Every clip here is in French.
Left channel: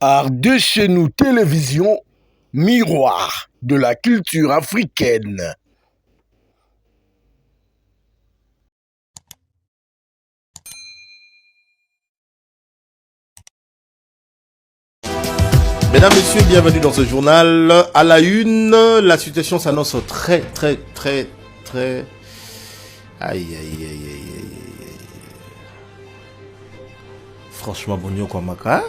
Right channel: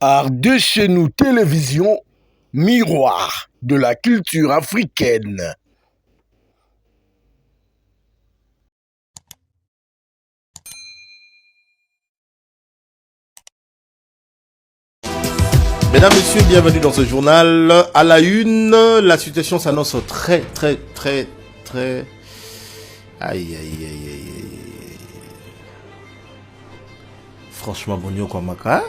Art de chez nous télévision, miroir de la culture africaine. Mesdames, Messieurs, bienvenue dans ce journal. À la une, la situation s'annonce très... Aïe. Franchement, bonio kwa maka.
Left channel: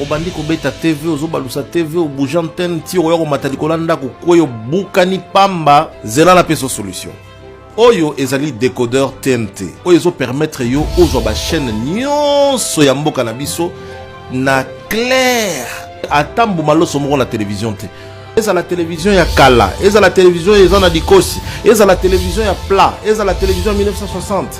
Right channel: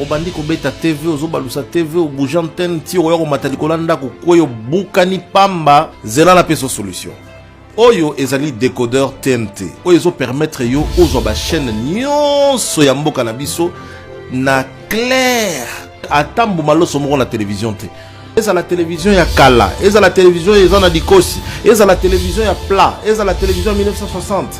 Obandi kobeta TV, ozobalusa TV, obuja antenne, tiro yako matalikolanda kukoyo bukani pamba, zela na peso solution. Oyo ezali décodeur TNT. Oyo ezo permettre yo ozwa ba chaîne nyonso ya mboka na biso na clair. Atambo maloso moko na télévision te. Eza la télévision ya kala, eza la télévision ya zana dikosi, eza la télévision ya plat, eza la télévision 1960.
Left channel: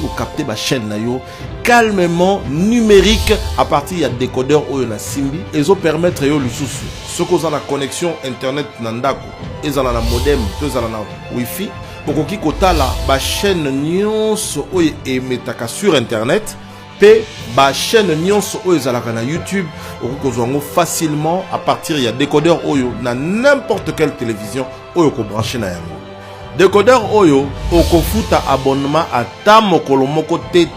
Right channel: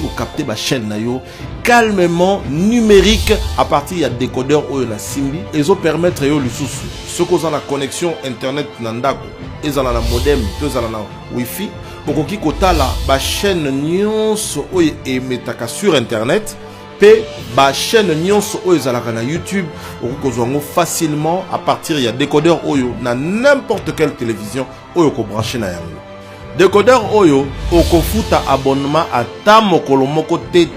Pour capter ba chaîne na yo calmement numérique à partir ya décodeur oyo na simbi, ezo permettre yo lisusu. Ceux qui ont la connexion internet na ndako, eza na modem, eza na wifi, bokoki kotala ba chaîne nyonso oyo emetaka sur internet. Pe ba chaîne nyonso oyo ezalaka na YouTube okozwango facilement à partir ya décodeur oyo na n'importe quelle télévision oyo ko brancher na yango. Décodeur oyo okofuta abonnement ata mokolo moko te.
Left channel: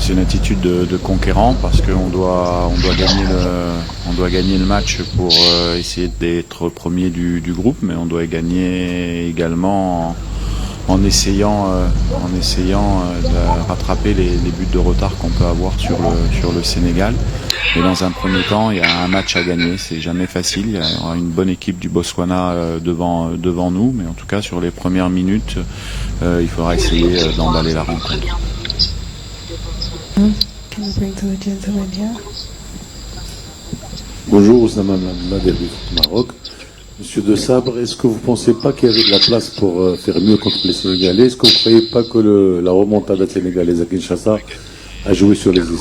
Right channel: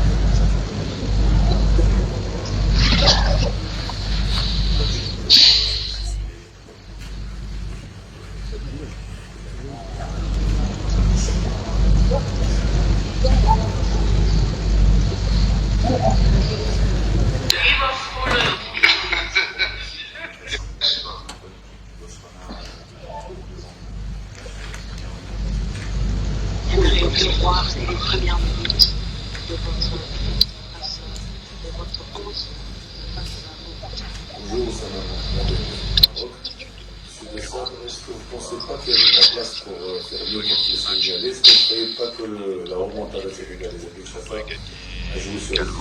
C'est une attitude de conquérant parce qu'on doit gagner le match pour essayer d'être premier du groupe, mais on doit gagner également en essayant de rattraper les buts de retard qu'on peut avoir sur le Sénégal. Et dans un premier temps, il y a un match à gagner, c'est jamais facile. Il y aura une bonne équipe du Botswana devant nous, mais en tout cas sur les premières minutes, il faudra essayer d'emballer la route. Bonjour, Oussama Madel du Maroc. Monsieur De Sabre, est-ce que vous ne pensez pas qu'il y avait de la place pour faire mieux contre les Sénégalais? Est-ce que vous ne croyez pas que la remontada sénégalaise à Kinshasa a joué sur les esprits?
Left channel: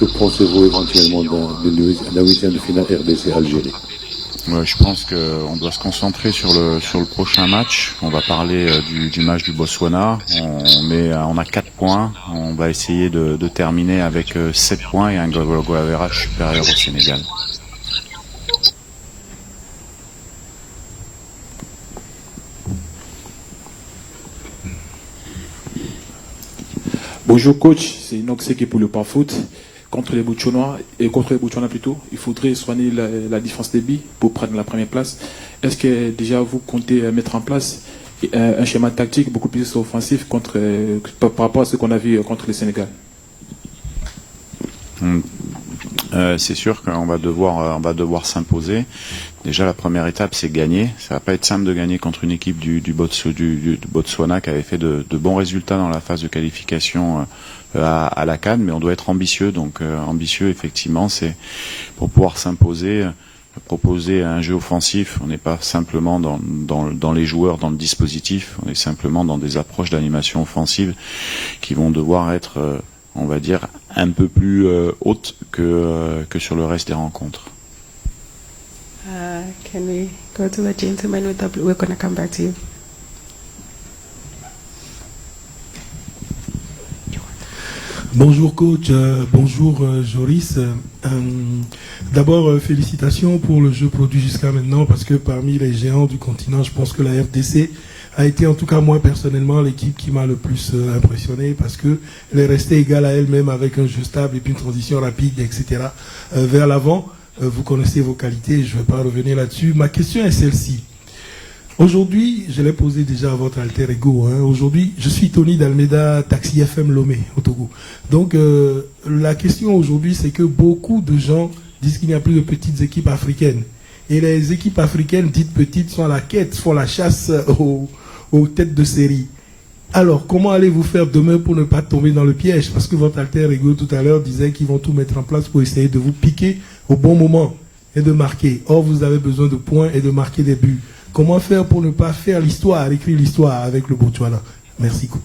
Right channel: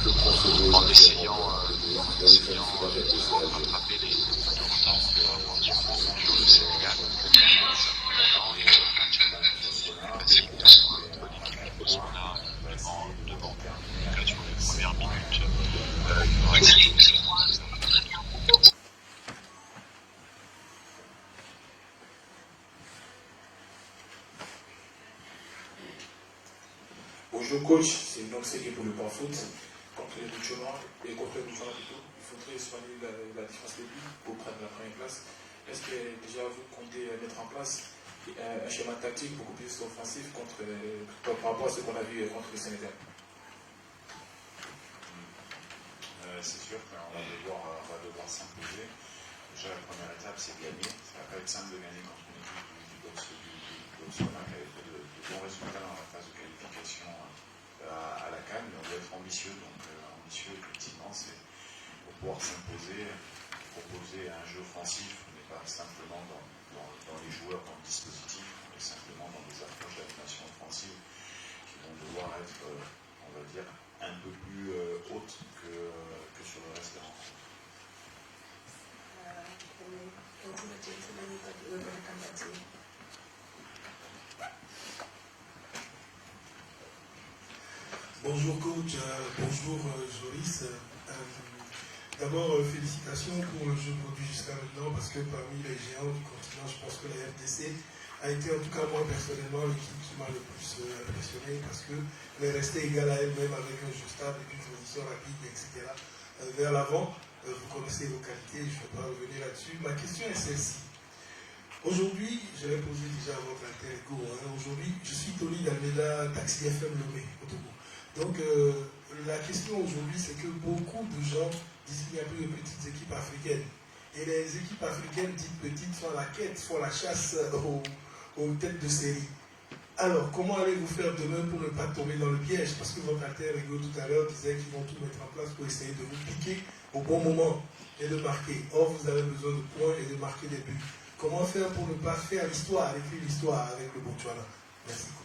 Que pensez-vous éventuellement de la huitième de finale RDC-Algérie? Ouais, je pense qu'on doit se concentrer sur le prochain match. On va parler du match du Botswana. On a 4 points. On va essayer de terminer avec 7 points et un goal average supérieur au Sénégal. Bonjour coach, c'est Inox qui est pour le pas foot. Contre les Botswana plutôt, il faudrait soigner la différence des billes pour prendre la première place. Est-ce que déjà vous comptez mettre en place un schéma tactique beaucoup plus offensif par rapport à ce qu'on a vu contre le Sénégal? C'est sûr qu'on va devoir s'imposer. Déjà la première étape c'est gagner. Ça va pas être simple de gagner contre une équipe du Botswana qui avait fait de bons résultats dans la phase de qualification à la CAN, mais on doit être ambitieux. Donc ambitieux effectivement, c'est pour pouvoir s'imposer, proposer un jeu offensif. On n'est pas simplement dans les joueurs, dans le dispositif. On est simplement dans des approches d'animation offensive qui vont devoir être, on va dire, un peu plus hautes que sur le reste des rencontres. Can we go to the gentleman with the blue? We're going to come back to you. Bonjour coach, bonjour Joris. D'abord félicitations pour le jeu produit jusqu'à maintenant parce que parmi les géants du continent, je pense que la FDC a été en tout cas moi personnellement l'équipe qui m'a le plus impressionné parce qu'elle est restée égale à elle-même avec un jeu stable et puis une transition rapide, etc. Vers l'avant, vous connaissez vos qualités, je ne vais pas revenir là-dessus. Ma question est celle-ci. Aujourd'hui, je l'ai posé déjà à votre alter ego. Aujourd'hui, je suis Tony d'Almeida, Taxi FM Lomé, au Togo. Donc, la question aujourd'hui, c'est que beaucoup de gens disent qu'il n'y a plus de petites équipes africaines. Et les équipes africaines dites petites sont à la quête, font la chasse aux têtes de série. Alors, comment allez-vous faire demain pour ne pas tomber dans le piège? Parce que votre alter ego tout à l'heure disait qu'ils vont tout mettre en place pour essayer de vous piquer au bon moment et de marquer. Or, vous avez besoin de points et de marquer des buts. Comment faire pour ne pas faire l'histoire, écrire l'histoire avec le Botswana? Merci, coach.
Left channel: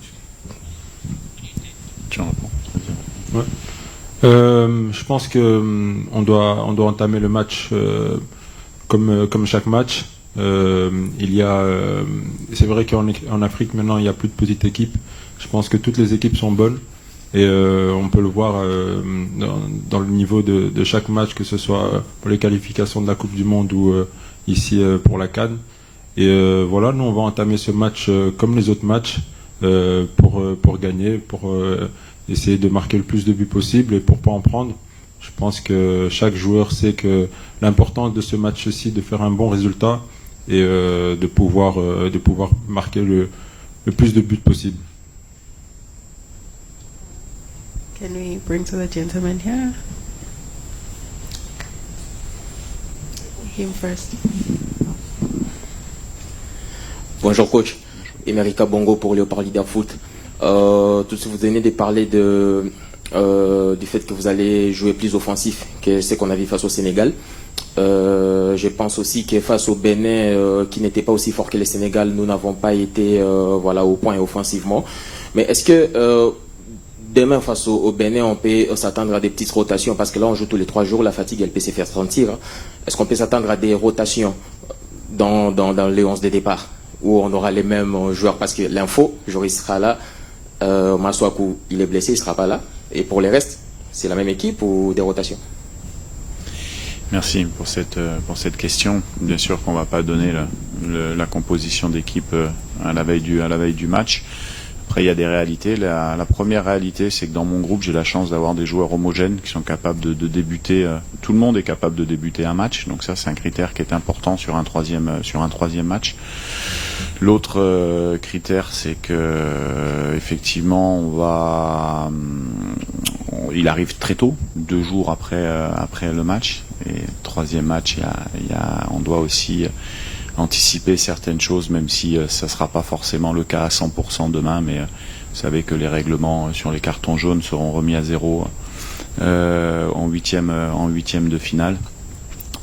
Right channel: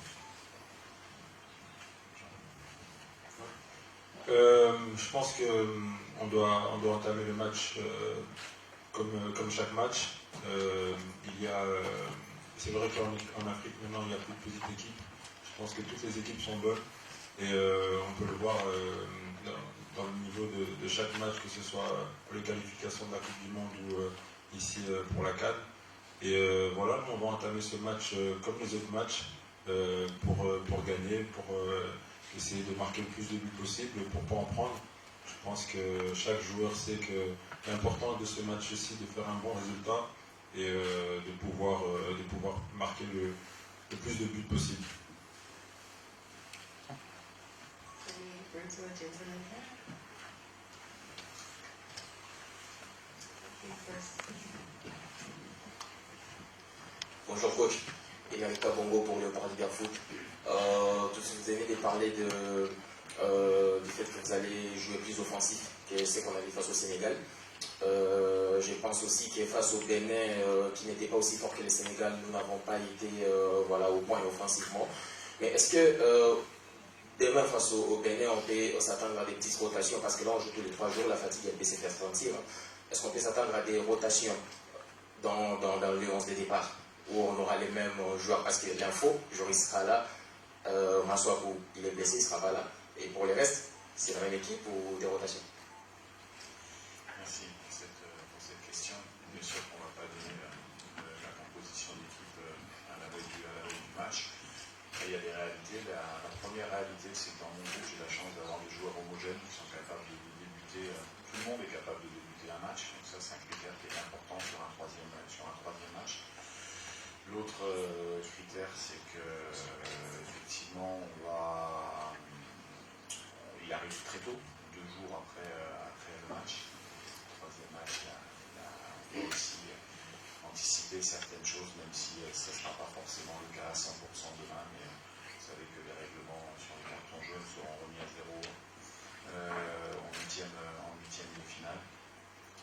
Tu en réponds. Ouais. Je pense que on doit entamer le match comme chaque match. C'est vrai qu'en Afrique maintenant il n'y a plus de petites équipes. Je pense que toutes les équipes sont bonnes et on peut le voir dans le niveau de chaque match, que ce soit pour les qualifications de la Coupe du Monde ou ici pour la CAN. Et voilà, nous on va entamer ce match comme les autres matchs pour gagner, pour essayer de marquer le plus de buts possible et pour pas en prendre. Je pense que chaque joueur sait que l'important de ce match-ci, de faire un bon résultat et de pouvoir marquer le plus de buts possible. Can we bring to the gentleman here? Him first. Bonjour coach, Emerika Bongo pour Léopard Leader Foot. Tout ce que vous venez de parler du fait que vous allez jouer plus offensif que ce qu'on a vu face au Sénégal. Je pense aussi que face au Bénin, qui n'était pas aussi fort que le Sénégal, nous n'avons pas été au point offensivement. Mais est-ce que demain face au Bénin, on peut s'attendre à des petites rotations? Parce que là, on joue tous les 3 jours, la fatigue, elle peut se faire sentir. Est-ce qu'on peut s'attendre à des rotations dans les 11 de départ, où on aura les mêmes joueurs? Parce que l'info, Joris sera là, Maswaku, il est blessé, il ne sera pas là. Et pour les restes, c'est la même équipe ou des rotations? Merci pour cette question. Bien sûr qu'on ne va pas donner la composition d'équipe à la veille du match. Après, il y a des réalités. La première réalité, c'est que dans mon groupe, j'ai la chance d'avoir des joueurs homogènes qui sont capables de débuter. Tout le monde est capable de débuter un match. Donc ça, c'est un critère qui est important sur un troisième match. L'autre critère, c'est que effectivement, il arrive très tôt, 2 jours après le match. Et troisième match, on doit aussi anticiper certaines choses, même si ça ne sera pas forcément le cas à 100% demain. Mais vous savez que les règlements sur les cartons jaunes seront remis à zéro en huitième de finale.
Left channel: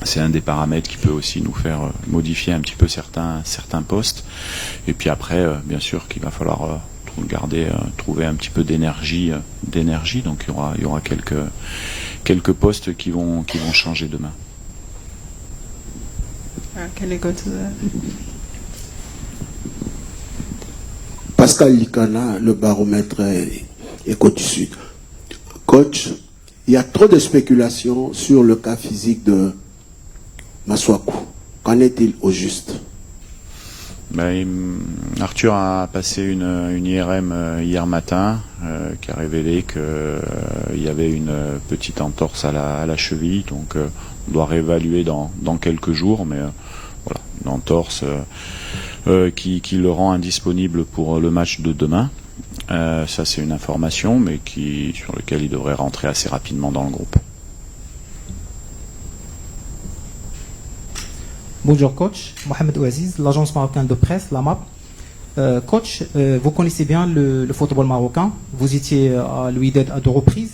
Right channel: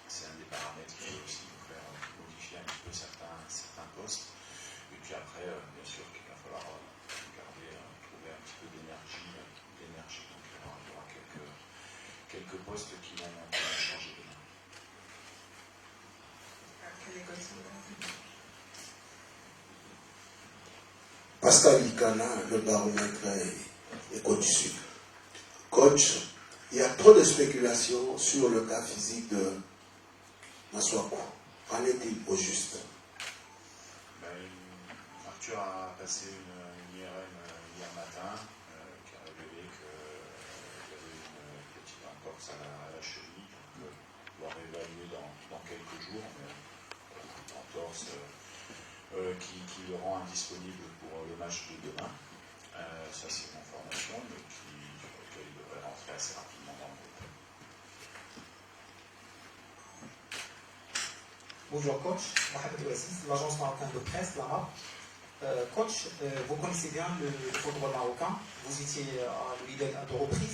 C'est un des paramètres qui peut aussi nous faire modifier un petit peu certains postes. Et puis après, bien sûr qu'il va falloir trouver un petit peu d'énergie. Donc il y aura quelques postes qui vont changer demain. Can we go to the... Pascal Likana, le baromètre Éco du Sud. Coach, il y a trop de spéculations sur le cas physique de Maswaku. Qu'en est-il au juste? Arthur a passé une IRM hier matin qui a révélé qu'il y avait une petite entorse à la cheville. Donc on doit réévaluer dans quelques jours. Mais voilà, une entorse qui le rend indisponible pour le match de demain. Ça, c'est une information, mais sur laquelle il devrait rentrer assez rapidement dans le groupe. Bonjour coach, Mohamed Ouaziz, l'agence marocaine de presse, l'AMAP. Coach, vous connaissez bien le football marocain, vous étiez à l'UIDED à 2 reprises.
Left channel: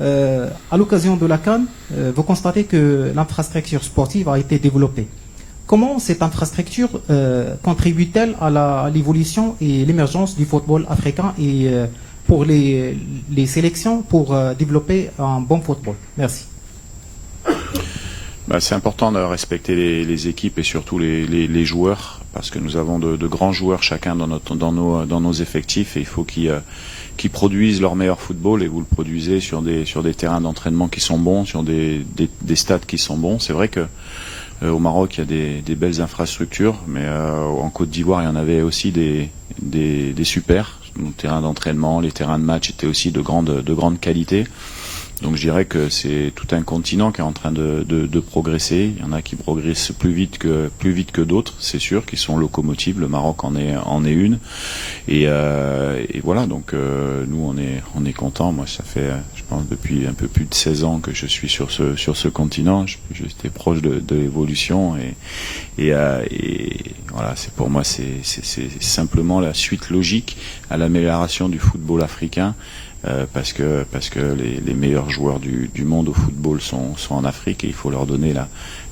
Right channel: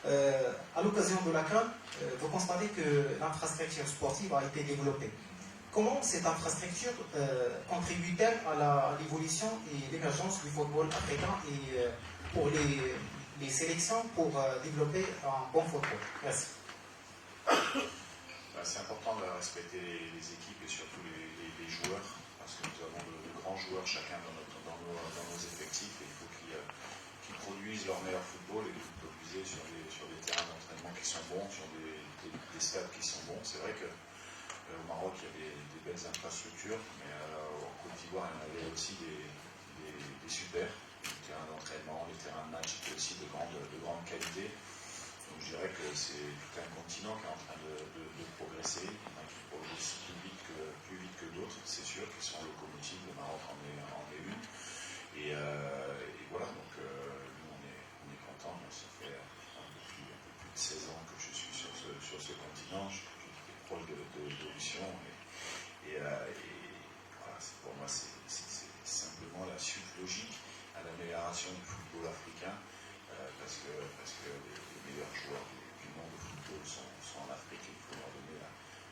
À l'occasion de la CAN, vous constatez que l'infrastructure sportive a été développée. Comment cette infrastructure contribue-t-elle à l'évolution et l'émergence du football africain et pour les sélections pour développer un bon football? Merci. C'est important de respecter les équipes et surtout les joueurs, parce que nous avons de grands joueurs chacun dans nos effectifs, et il faut qu'ils produisent leur meilleur football, et vous le produisez sur des terrains d'entraînement qui sont bons, sur des stades qui sont bons. C'est vrai que au Maroc, il y a des belles infrastructures, mais en Côte d'Ivoire, il y en avait aussi des super. Nos terrains d'entraînement, les terrains de match étaient aussi de grande qualité. Donc je dirais que c'est tout un continent qui est en train de progresser. Il y en a qui progressent plus vite que d'autres, c'est sûr, qui sont locomotives. Le Maroc en est une. Et voilà, donc nous on est contents. Moi, ça fait, je pense, depuis un peu plus de 16 ans que je suis sur ce continent. J'étais proche de l'évolution et voilà, c'est pour moi c'est simplement la suite logique à l'amélioration du football africain. Parce que les meilleurs joueurs du monde au football sont en Afrique, et il faut leur donner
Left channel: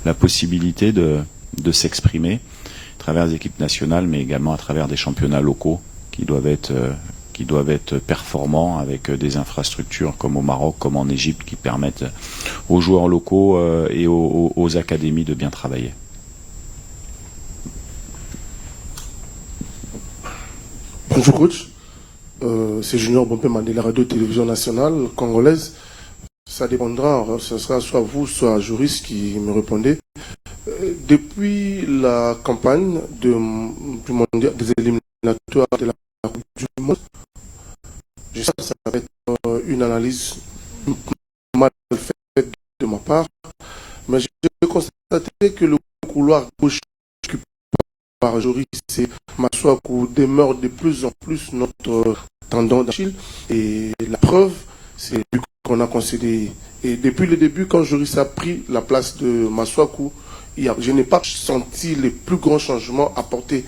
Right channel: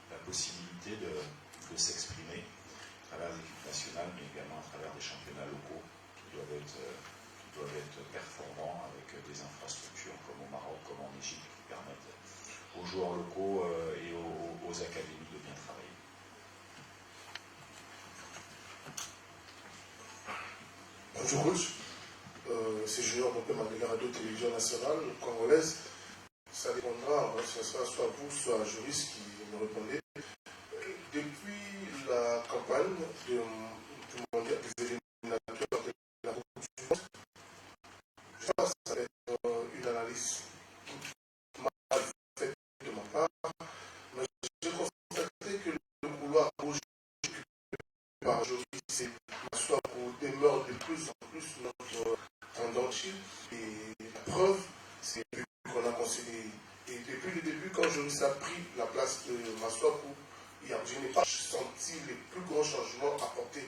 la possibilité de s'exprimer. travers les équipes nationales, mais également à travers des championnats locaux qui doivent être performants avec des infrastructures comme au Maroc, comme en Égypte, qui permettent aux joueurs locaux et aux académies de bien travailler. Bonjour coach, c'est Junior Bompé de la radio-télévision nationale congolaise. Ça dépendra, ce sera soit vous, soit Joris qui me répondez. Depuis la campagne du mondial des éliminatoires de la Coupe du Monde, je sais que ça va être une analyse mal faite de ma part, mais j'ai constaté que le couloir gauche occupé par Joris et Masuaku demeure de plus en plus notre tendon d'Achille. Et la preuve, c'est qu'on a concédé. Et depuis le début, quand Joris a pris la place de Masuaku, je n'ai pas senti les plus grands changements apportés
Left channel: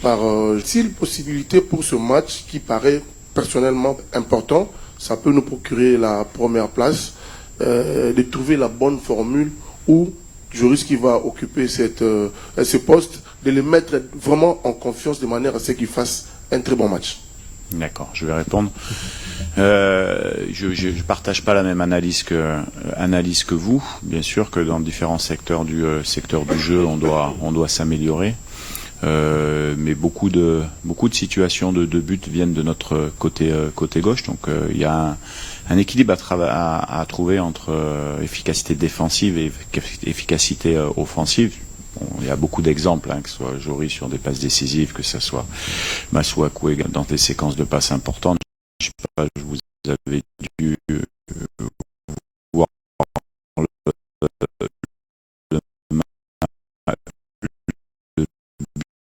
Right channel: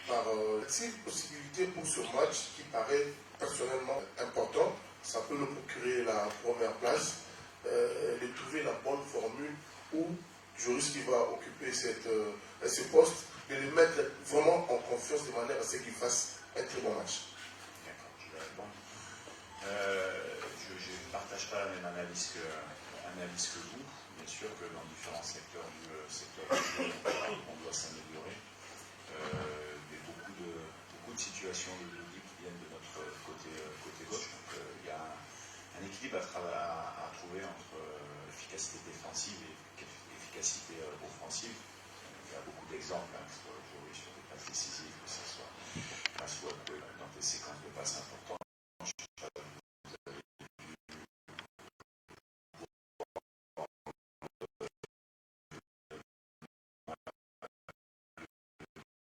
par s'il possibilité pour ce match qui paraît personnellement important. Ça peut nous procurer la première place, de trouver la bonne formule où Joris qui va occuper ce poste, de les mettre vraiment en confiance de manière à ce qu'il fasse un très bon match. D'accord, je vais répondre. Je ne partage pas la même analyse que vous. Bien sûr que dans différents secteurs du jeu, on doit s'améliorer. Mais beaucoup de situations de but viennent de notre côté gauche. Donc il y a un équilibre à trouver entre efficacité défensive et efficacité offensive. Bon, il y a beaucoup d'exemples, que ce soit Joris sur des passes décisives, que ce soit Masuaku dans des séquences de passes importantes. Je sais pas, vous avez dû voir le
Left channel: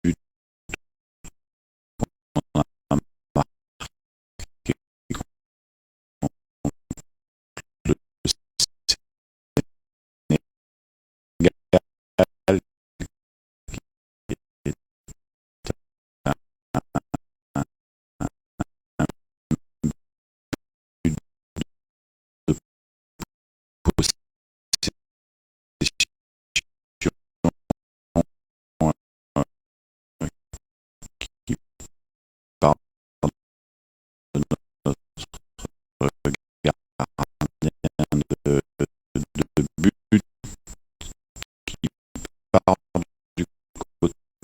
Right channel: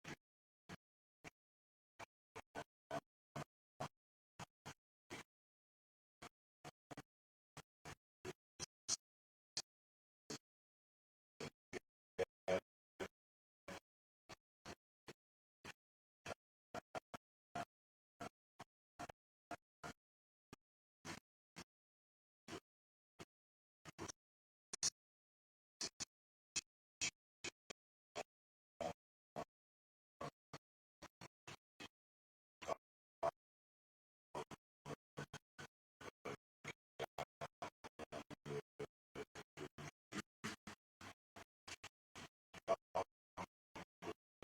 but qu'on a marqué contre le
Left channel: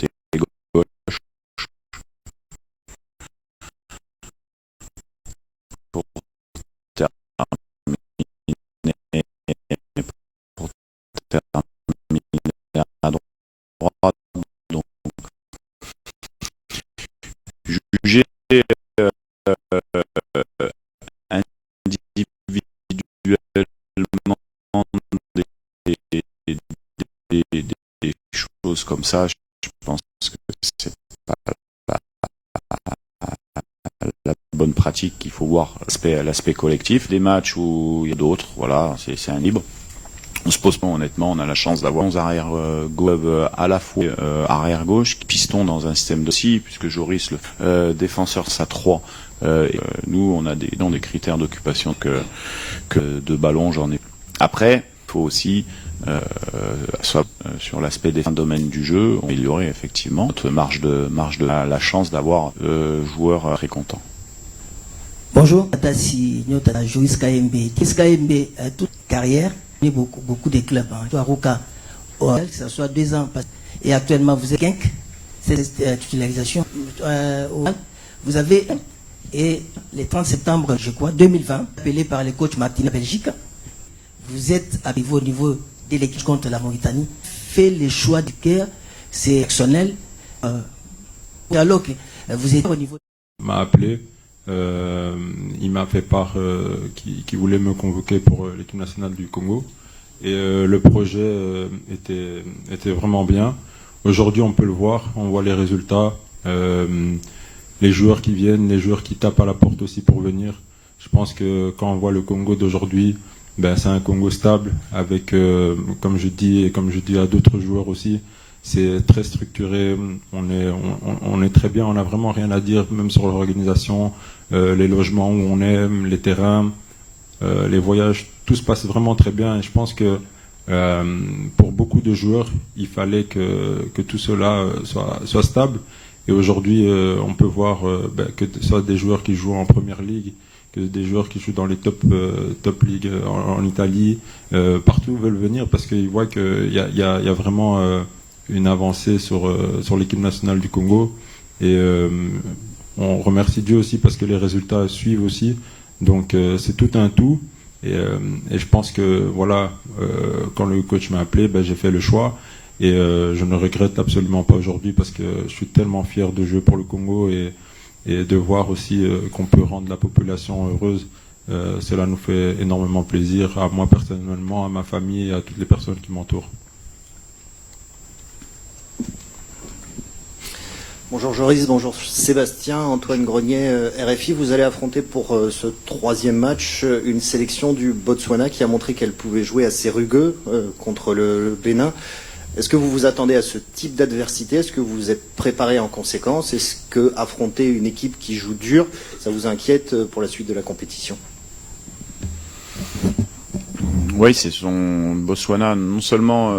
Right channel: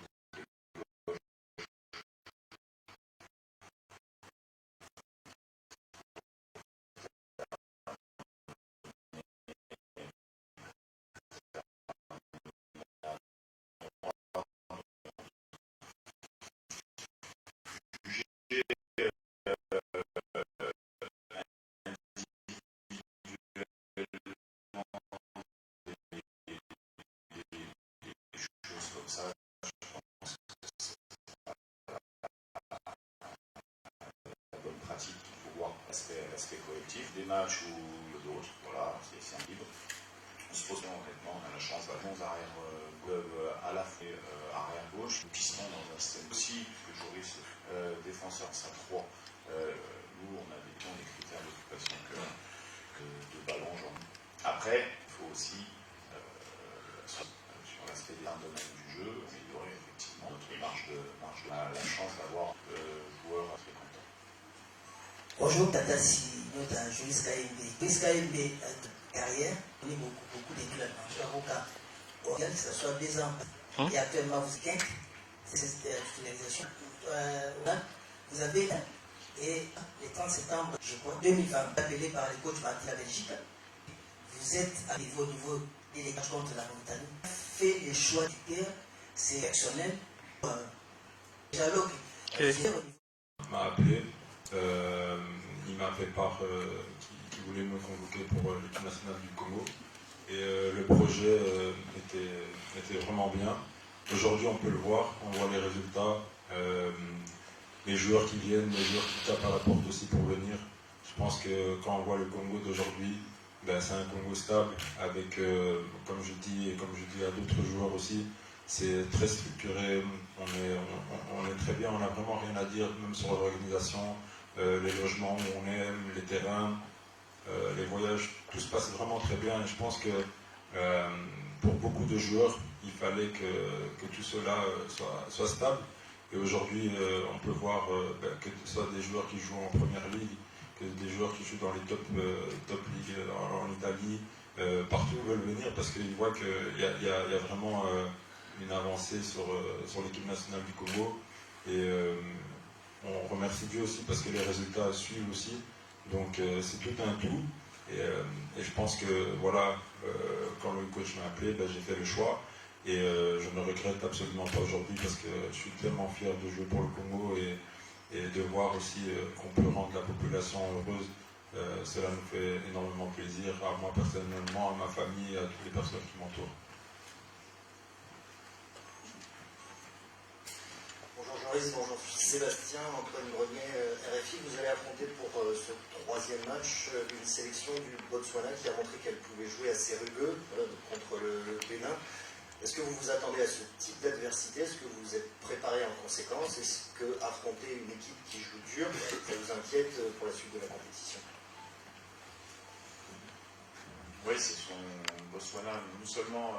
Sénégal, juger individuellement des choses comme ça, je pense que c'est pas la bonne pratique. Il faut voir l'aspect collectif des matchs où il y a d'autres, voilà, c'est un libre. On se pose pas, honnêtement, on a la chance d'avoir 11 arrière gauche à la fois arrière gauche, piston dans un système de scie, puisque Joris, le défenseur, ça 3. Nous, on a des critères d'occupation que de ballon, j'en ai. Après, il faut aussi soit sur l'aspect des domaines du jeu, améliorer effectivement notre marge de la chance d'avoir joueurs très contents. Bonjour, Tati Nyota Joris KMB. KMB, toute carrière, beaucoup de clubs. Roca, ça soit 2 ans. Et actuellement, vous êtes 5, cette titularisation. Vous avez, et le 30 septembre, je crois, 2020, appelé par le coach Martin Belgique, vous êtes arrivé au niveau de l'équipe contre la Mauritanie, fait le choix du cœur, c'est exceptionnel. Alors que vous êtes au niveau. Il m'a appelé, il m'a fait part qu'il voulait me convoquer pour l'équipe nationale du Congo. Et le projet était vraiment bien. Aujourd'hui, on peut le voir, on voit les résultats. Les joueurs qui viennent, les joueurs qui tapent à la porte aussi pour venir. Je pense que quand on voit le Congo d'aujourd'hui, c'est un Congo stable avec, comme je dis et comme je dis à d'autres joueurs aussi, c'est très structuré, on est très bien, on n'a vraiment rien à dire, même sur l'organisation, les logements où on est, les terrains, les voyages, tout se passe vraiment très bien. Et je pense que Pour beaucoup de joueurs, il fallait que tout cela soit stable. Et aujourd'hui, on peut voir que ce soit des joueurs qui jouent en première ligue, que des joueurs qui jouent dans les top ligues en Italie, partout ils veulent venir parce qu'ils voient qu'il y a vraiment une avancée sur l'équipe nationale du Congo. Et on remercie Dieu aussi parce que les résultats suivent aussi. Donc c'est tout un tout. Et je pense que voilà, quand le coach m'a appelé, j'ai fait le choix. Et je ne regrette absolument pas aujourd'hui parce que je suis tellement fier de jouer pour le Congo et de voir aussi qu'on peut rendre la population heureuse. Cela nous fait énormément plaisir, à moi personnellement, à ma famille et à toutes les personnes qui m'entourent. Bonjour Joris, bonjour Sébastien, Antoine Grenier, RFI. Vous allez affronter pour ce 3e match une sélection du Botswana qui a montré qu'elle pouvait jouer assez rugueux contre le Bénin. Est-ce que vous vous attendez à ce type d'adversité? Est-ce que vous vous êtes préparé en conséquence? Est-ce que affronter une équipe qui joue dur, ça vous inquiète pour la suite de la compétition? Oui, c'est son Botswana. Non seulement,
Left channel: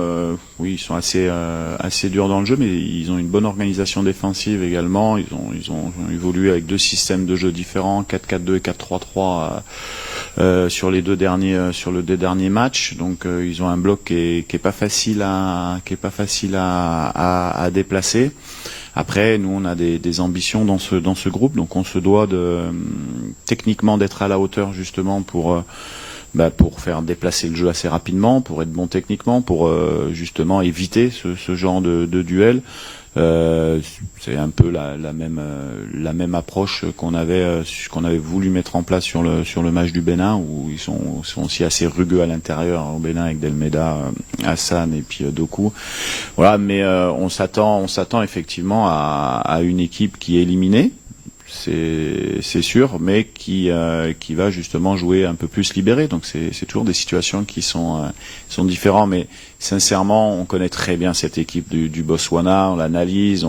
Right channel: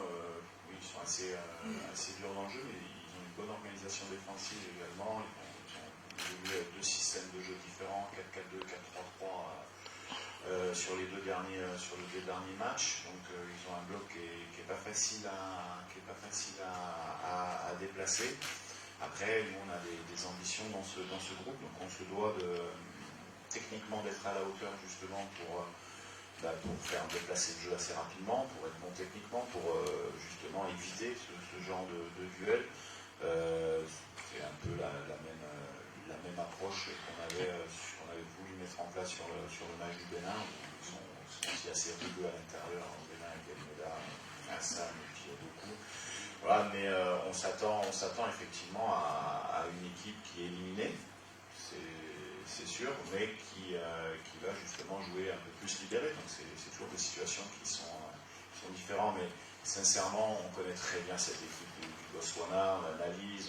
oui, ils sont assez durs dans le jeu, mais ils ont une bonne organisation défensive également. Ils ont évolué avec 2 systèmes de jeu différents, 4-4-2 et 4-3-3 sur les deux derniers matchs. Donc, ils ont un bloc qui est pas facile à déplacer. Après, nous, on a des ambitions dans ce groupe, donc on se doit techniquement d'être à la hauteur justement pour faire déplacer le jeu assez rapidement, pour être bon techniquement, pour justement éviter ce genre de duel. C'est un peu la même approche qu'on avait voulu mettre en place sur le match du Bénin, où ils sont aussi assez rugueux à l'intérieur au Bénin avec Delmeda, Hassan et puis Doku. Voilà, mais on s'attend effectivement à une équipe qui est éliminée. C'est sûr, mais qui va justement jouer un peu plus libéré. Donc c'est toujours des situations qui sont différentes, mais sincèrement, on connaît très bien cette équipe du Botswana, on l'analyse,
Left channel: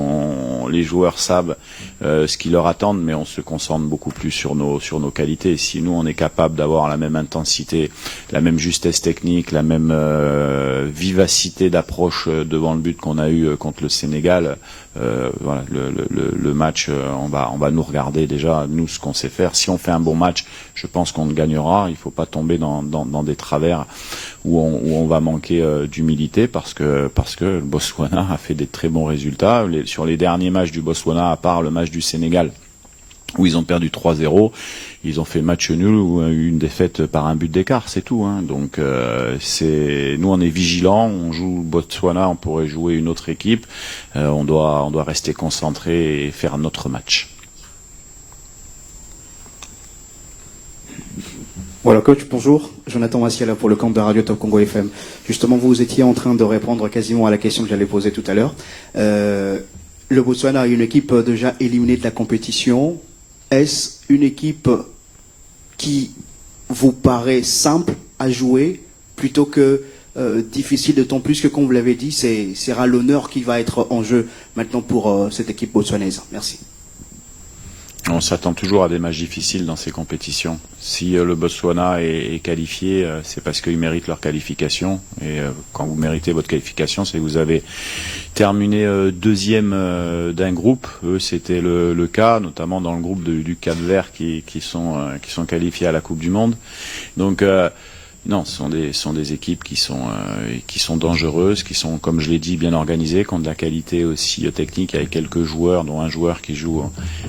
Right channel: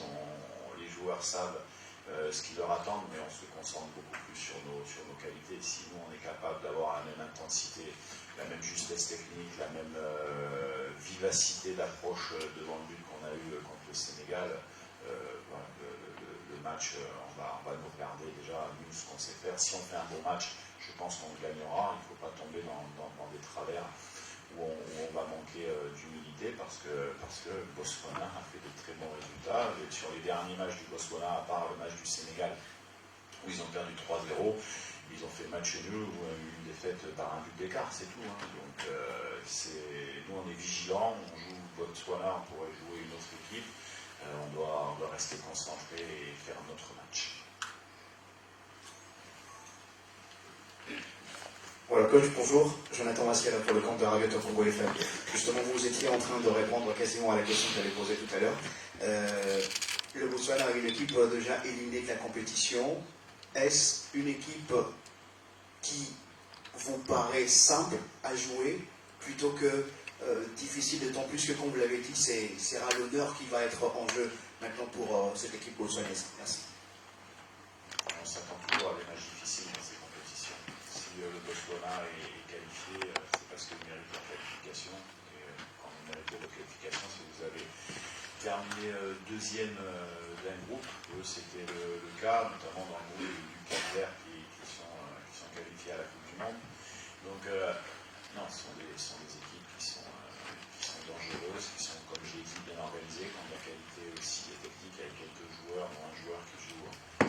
les joueurs savent ce qui leur attendent, mais on se concentre beaucoup plus sur nos qualités. Si nous, on est capable d'avoir la même intensité, la même justesse technique, la même vivacité d'approche devant le but qu'on a eu contre le Sénégal, voilà, le match, on va nous regarder déjà, nous, ce qu'on sait faire. Si on fait un bon match, je pense qu'on gagnera. Il ne faut pas tomber dans des travers où on va manquer d'humilité parce que le Botswana a fait des très bons résultats. Sur les derniers matchs du Botswana, à part le match du Sénégal, où ils ont perdu 3-0, ils ont fait match nul ou une défaite par un but d'écart, c'est tout. Hein. Donc nous, on est vigilants, on joue Botswana, on pourrait jouer une autre équipe, on doit rester concentré et faire notre match. Voilà, coach, bonjour. Jonathan Massiela pour le compte de Radio Top Congo FM. Justement, vous étiez en train de répondre quasiment à la question que j'allais poser tout à l'heure. Le Botswana a une équipe déjà éliminée de la compétition. Est-ce une équipe qui vous paraît simple à jouer plutôt que difficile, d'autant plus que, comme vous l'avez dit, c'est l'honneur qui va être en jeu maintenant pour cette équipe botswanaise? Merci. On s'attend toujours à des matchs difficiles dans ces compétitions. Si le Botswana est qualifié, c'est parce qu'ils méritent leur qualification. Et quand vous méritez votre qualification, c'est que vous avez terminé deuxième d'un groupe. Eux, c'était le cas, notamment dans le groupe du Cap-Vert qui sont qualifiés à la Coupe du Monde. Donc non, ce sont des équipes qui sont dangereuses, qui sont, comme je l'ai dit, bien organisées, qui ont de la qualité aussi technique, avec quelques joueurs, dont un joueur qui joue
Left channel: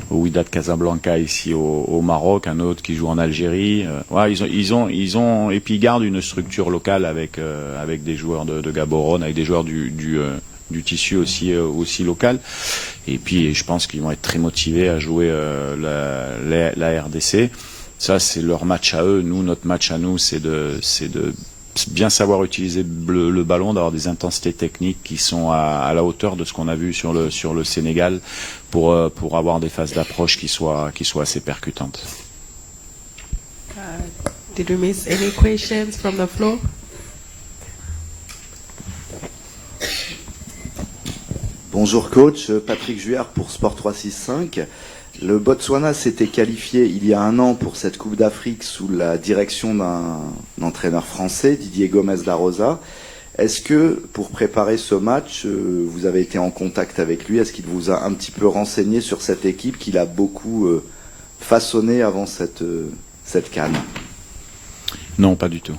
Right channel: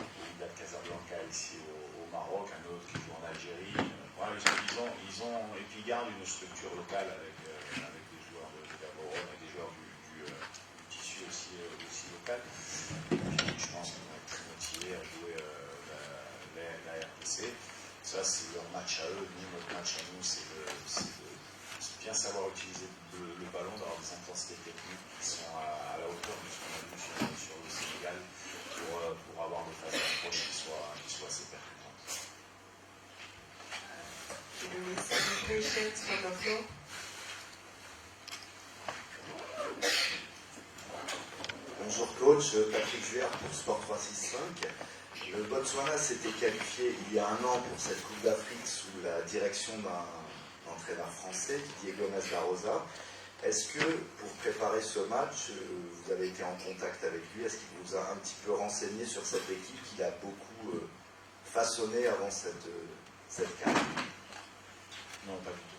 au Wydad Casablanca ici au Maroc, un autre qui joue en Algérie. Ouais, ils ont et puis ils gardent une structure locale avec des joueurs de Gaborone, avec des joueurs du tissu aussi local. Et puis je pense qu'ils vont être très motivés à jouer la RDC. Ça, c'est leur match à eux. Nous, notre match à nous, c'est de bien savoir utiliser le ballon, d'avoir des intensités techniques qui sont à la hauteur de ce qu'on a vu sur le Sénégal pour avoir des phases d'approche qui soient assez percutantes. Did we miss any questions from the floor? Bonjour coach, Patrick Juère pour Sport 365. Le Botswana s'était qualifié il y a un an pour cette Coupe d'Afrique sous la direction d'un entraîneur français, Didier Gomes da Rosa. Est-ce que pour préparer ce match, vous avez été en contact avec lui? Est-ce qu'il vous a un petit peu renseigné sur cette équipe qu'il a beaucoup façonnée avant cette CAN? Non, pas du tout.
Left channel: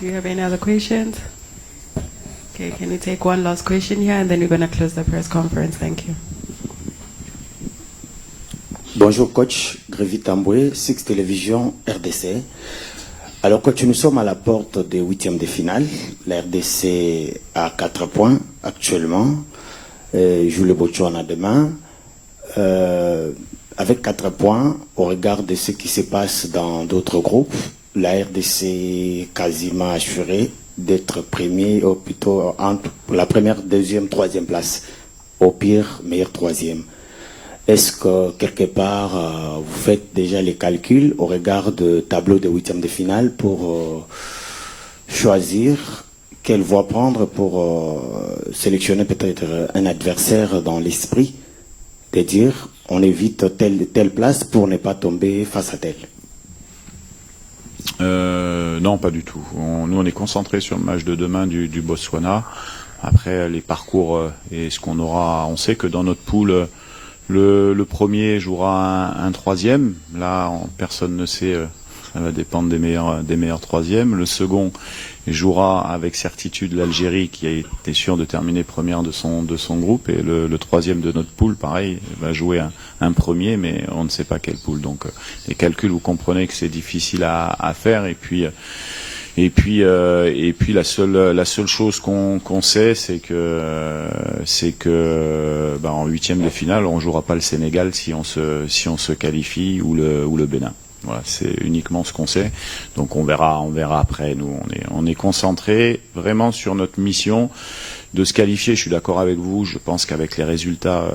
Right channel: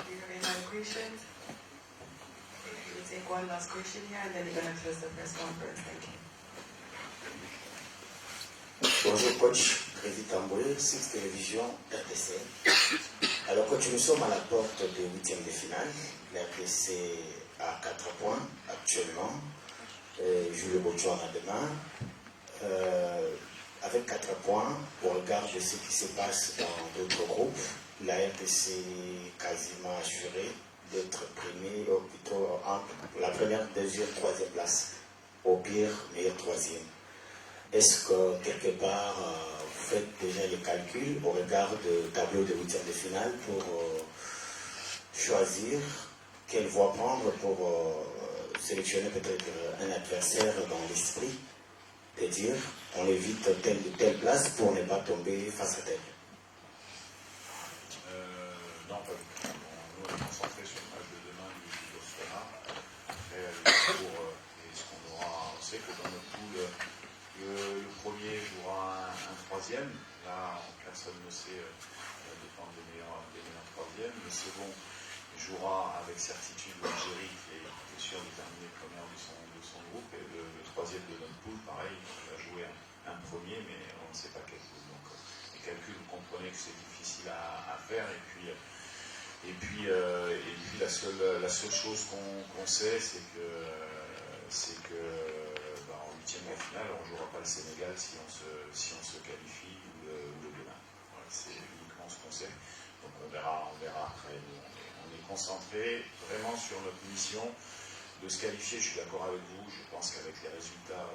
Do you have any other questions? Okay, can you take one last question here and then we're going to close the press conference. Thank you. Bonjour coach, Grévy Tamboué, Six Télévision RDC. Alors coach, nous sommes à la porte des huitièmes de finale. La RDC a 4 points actuellement. Joue le Botswana demain. Avec 4 points, au regard de ce qui se passe dans d'autres groupes, la RDC est quasiment assurée d'être premier, ou plutôt entre la première, deuxième, troisième place. Au pire, meilleur troisième. Est-ce que quelque part, vous faites déjà les calculs au regard de tableau de huitième de finale pour choisir quelle voie prendre pour sélectionner peut-être un adversaire dans l'esprit, de dire on évite telle place pour ne pas tomber face à telle? Non, pas du tout. Nous, on est concentré sur le match de demain du Botswana. Après, les parcours et ce qu'on aura, on sait que dans notre poule, le premier jouera un troisième. Là, personne ne sait, ça va dépendre des meilleurs troisièmes. Le second jouera avec certitude l'Algérie, qui a été sûre de terminer première de son groupe. Et le troisième de notre poule, pareil, va jouer un premier, mais on ne sait pas quelle poule. Donc les calculs, vous comprenez que c'est difficile à faire. Et puis la seule chose qu'on sait, c'est que en huitième de finale, on jouera pas le Sénégal si on se qualifie ou le Bénin. Voilà, c'est uniquement ce qu'on sait. Donc on verra après. Nous, on est concentré vraiment sur notre mission de se qualifier. Je suis d'accord avec vous. Je pense qu'avec les résultats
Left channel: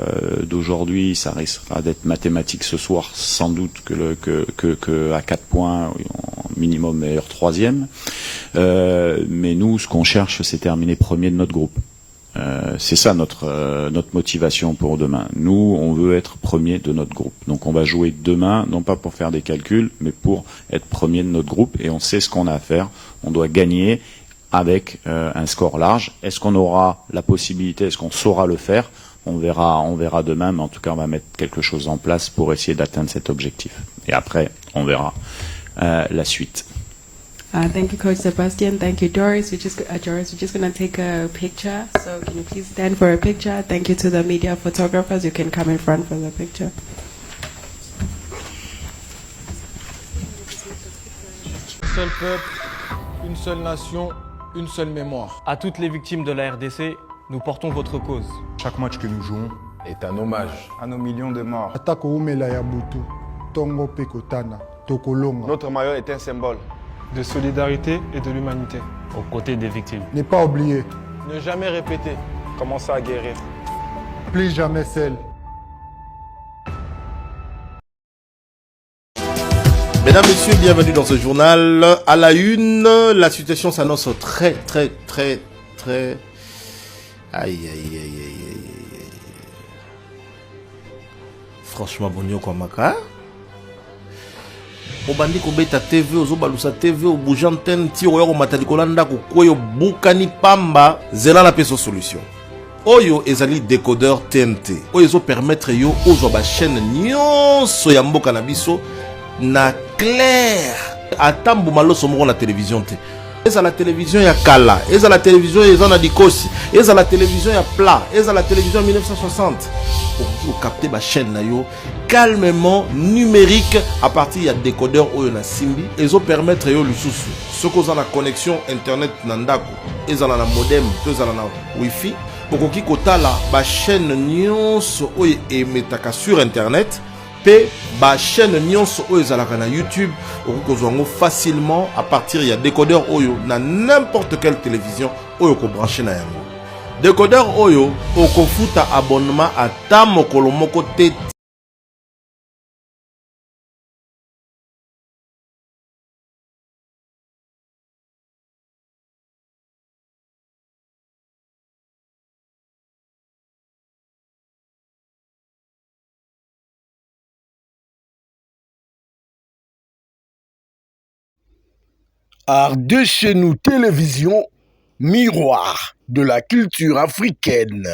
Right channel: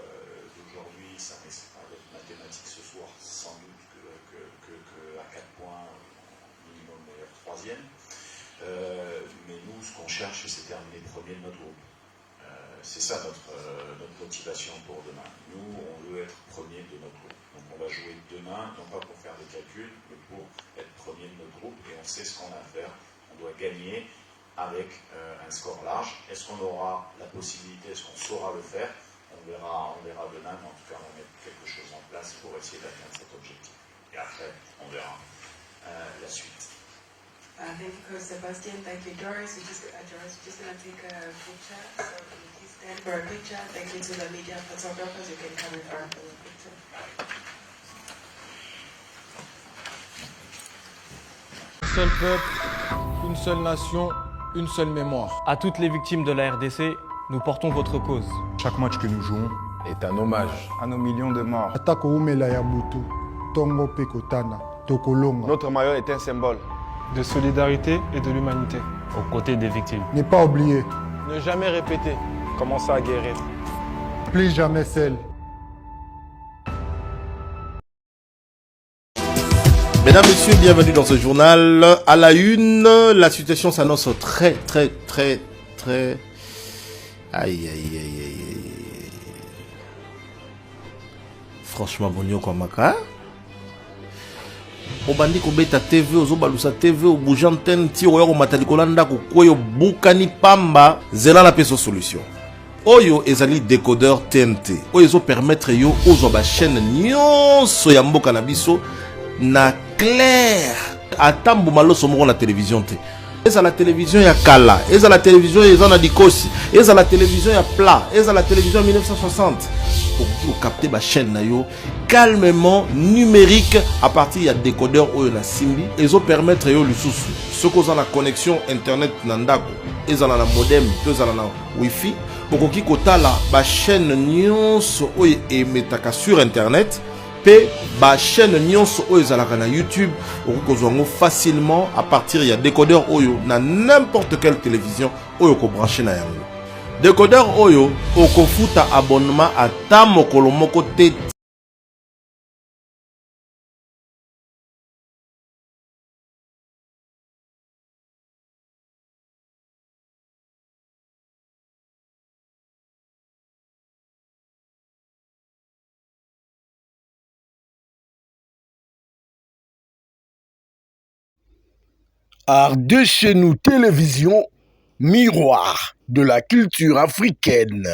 d'aujourd'hui, ça risquera d'être mathématique ce soir, sans doute que à 4 points, minimum meilleur troisième. Mais nous, ce qu'on cherche, c'est terminer premier de notre groupe. C'est ça notre motivation pour demain. Nous, on veut être premier de notre groupe. Donc on va jouer demain, non pas pour faire des calculs, mais pour être premier de notre groupe. Et on sait ce qu'on a à faire. On doit gagner avec un score large. Est-ce qu'on aura la possibilité, est-ce qu'on saura le faire? On verra demain, mais en tout cas, on va mettre quelque chose en place pour essayer d'atteindre cet objectif. Et après, on verra la suite. Thank you, Coach Sebastian. Thank you, Doris. Doris, we're just going to take a picture. So can you please stand for a picture? Thank you to the media photographers. You can come in front for the picture. Un seul peuple, une seule nation, une seule mémoire. À toutes les victimes de la RDC, nous portons votre cause. Chaque match que nous jouons est un hommage à nos millions de morts. Notre maillot est un symbole de solidarité et de l'humanité. Aux côtés des victimes. Ne pas oublier. Ne jamais répéter. Commencer à guérir. Plus jamais seul. Mesdames, Messieurs, bienvenue dans ce journal. À la une, la situation s'annonce très... Aïe. Franchement, bonio kwa maka. Obandi kobeta TV, ozobalusa TV, obuja antenne, ti oyo matadikola ndako koyo bukani pamba, zela na peso solution. Oyo ezali décodeur TNT. Oyo ezo permettre yo ozwa ba chaîne nyonso ya mboka na biso na clair. Atambu maloso moko na télévision te. Eza la télévision ya kala, eza la télévision eza na dikosi, eza la télévision ya plat, eza la télévision 1960. Pour capter ba chaîne na yo calmement numérique à partir ya décodeur oyo na simbi, ezo permettre yo lisusu. Ce qu'on a la connexion internet na ndako, eza na modem, to eza na wifi, okoki kotala ba chaîne nyonso oyo emetaka sur internet. Ba chaîne nyonso oyo ezalaka na YouTube okozwango facilement à partir ya décodeur oyo na n'importe quelle télévision oyo ko brancher na yango. Décodeur oyo okofuta abonnement ata mokolo moko te. Art de chez nous télévision, miroir de la culture africaine.